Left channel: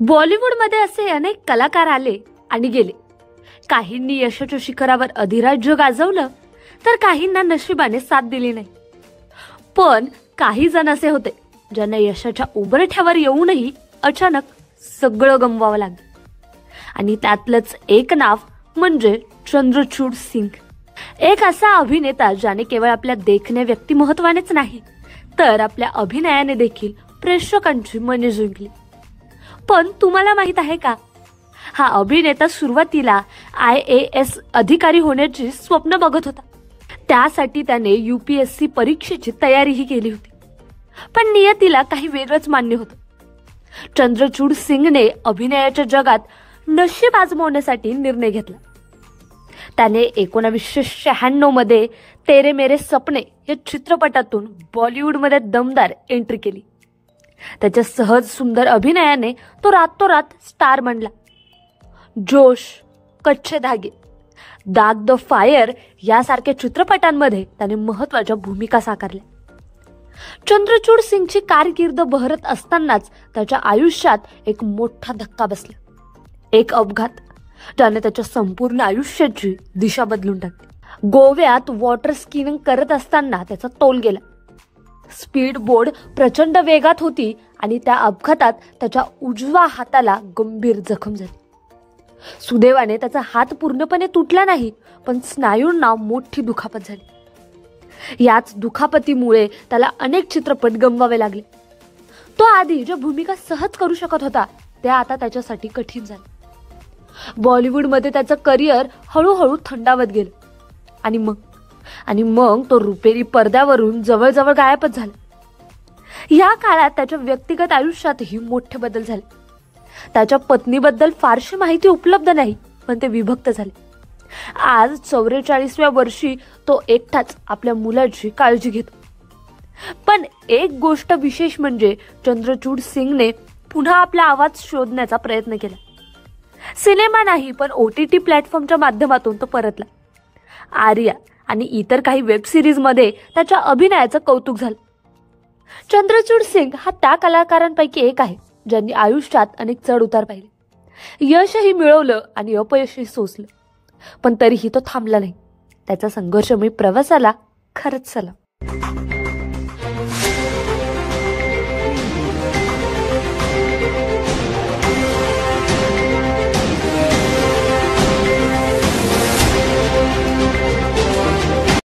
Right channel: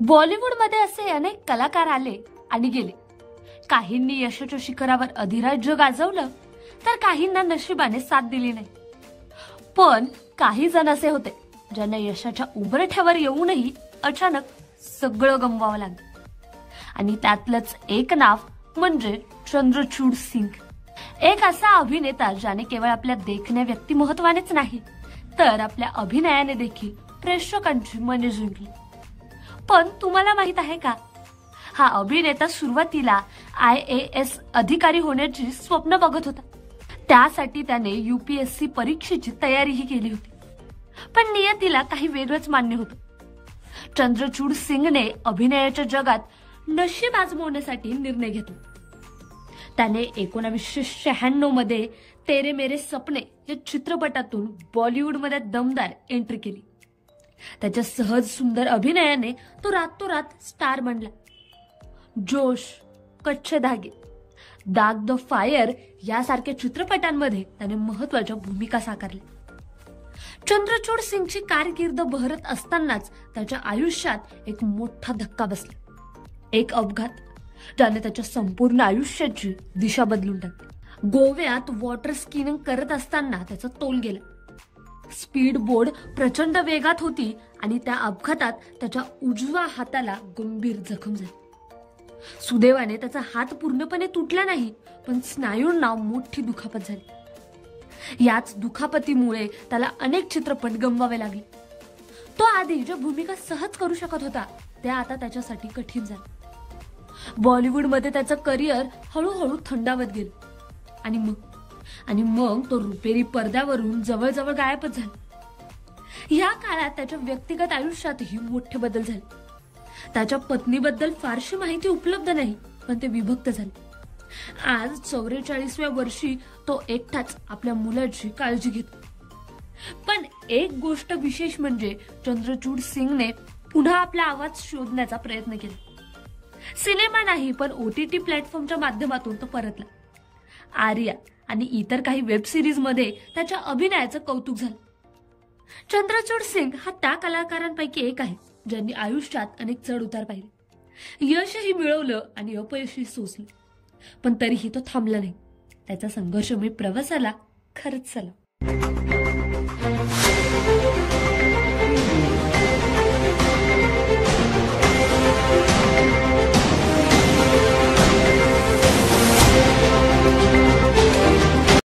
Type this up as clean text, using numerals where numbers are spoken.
बॉलिवूडमध्ये असे अनेक कलाकार आले आणि गेले. काहींनी यशाच्या शिखरावर अधिराज्य गाजवलं तर काहींना नशिबाने साथ दिली नाही. पण काही जण असे होते ज्यांना यशाच्या उंबरठ्यावर येऊनही अचानक सगळं गमवावं लागलं. आणि त्यातलंच एक नाव म्हणजे चंद्रचूड सिंग. एक असा अभिनेता ज्याने केवळ आपल्या देखण्या व्यक्तिमत्वानेच नाही तर आपल्या अभिनयाने देखील प्रेक्षकांची मने जिंकली. पण तुम्हाला माहित आहे का, हा अभिनेता सुरुवातीला IAS अधिकारी होण्याची स्वप्न बघत होता. त्यासाठी त्याने UPSC परीक्षेची तयारीही केली होती. पण नियतीला काही वेगळंच मान्य होतं. चंद्रचूड सिंगने अभिनयाच्या जगात नशीब आजमावण्यासाठी निर्णय घेतला. त्याने 1996 मध्ये तेरे मेरे सपने या चित्रपटातून बॉलिवूडमध्ये दमदार एंट्री केली. त्याच्या सहज सुंदर अभिनयाने तो रातोरात स्टार बनला. जोश, कच्चे धागे, दाग द फायर यासारख्या चित्रपटांमध्ये त्याने महत्वाच्या भूमिका साकारल्या. चंद्रचूड सिंगची कारकीर्द बहरत असतानाच त्याच्या आयुष्यात एक मोठा धक्का बसला. एक अपघात ज्याने त्याच्या संपूर्ण आयुष्याची दिशा बदलून टाकली. गोव्यात वॉटर स्कीइंग करत असताना त्याचा तोल गेला. स्पीड बोर्ड प्रचंड वेगात होती आणि त्या अपघातात त्याच्या उजव्या हाताला गंभीर जखम झाली. सुदैवाने त्याचा हात पूर्णपणे तुटला नाही, पण स्नायूंना मोठी दुखापत झाली. याच दुखापतीमुळे त्याला अनेक चित्रपट गमवावे लागले. तो आधी ज्या भूमिका सहज करू शकत होता त्या आता त्याच्यासाठी कठीण झाल्या. बॉलिवूडमध्ये त्याचं करिअर हळूहळू थंडावत गेलं आणि मग तो रुपेरी पडद्यावरून जवळजवळ गायबच झाला. या काळात त्याच्या व्यक्तिगत आयुष्यातही मोठे बदल झाले. त्याच्या पत्नीबद्दल फारशी माहिती उपलब्ध नाही, पण ते विभक्त झाले. आज 44व्या वर्षी तो एकटाच आपल्या मुलाची काळजी घेतो. पण एक गोष्ट विशेष म्हणजे चंद्रचूड सिंगने पुन्हा आपला आवाज शोधण्याचा प्रयत्न केला. सिनेमा नाही, पण OTT प्लॅटफॉर्मच्या माध्यमातून तो परतला. आर्या आणि इतर काही वेब सिरीज मध्ये त्याच्या अभिनयाचं कौतुक झालं. चंद्रचूड सिंग हा त्या कलाकारांपैकी एक आहे ज्यांनी आयुष्यात अनेक चढ उतार पाहिले. यशही मिळवलं आणि अपयशही सोसलं, पण तरीही तो थांबला नाही. त्याचा संघर्षमय प्रवासाला खरंच सलाम.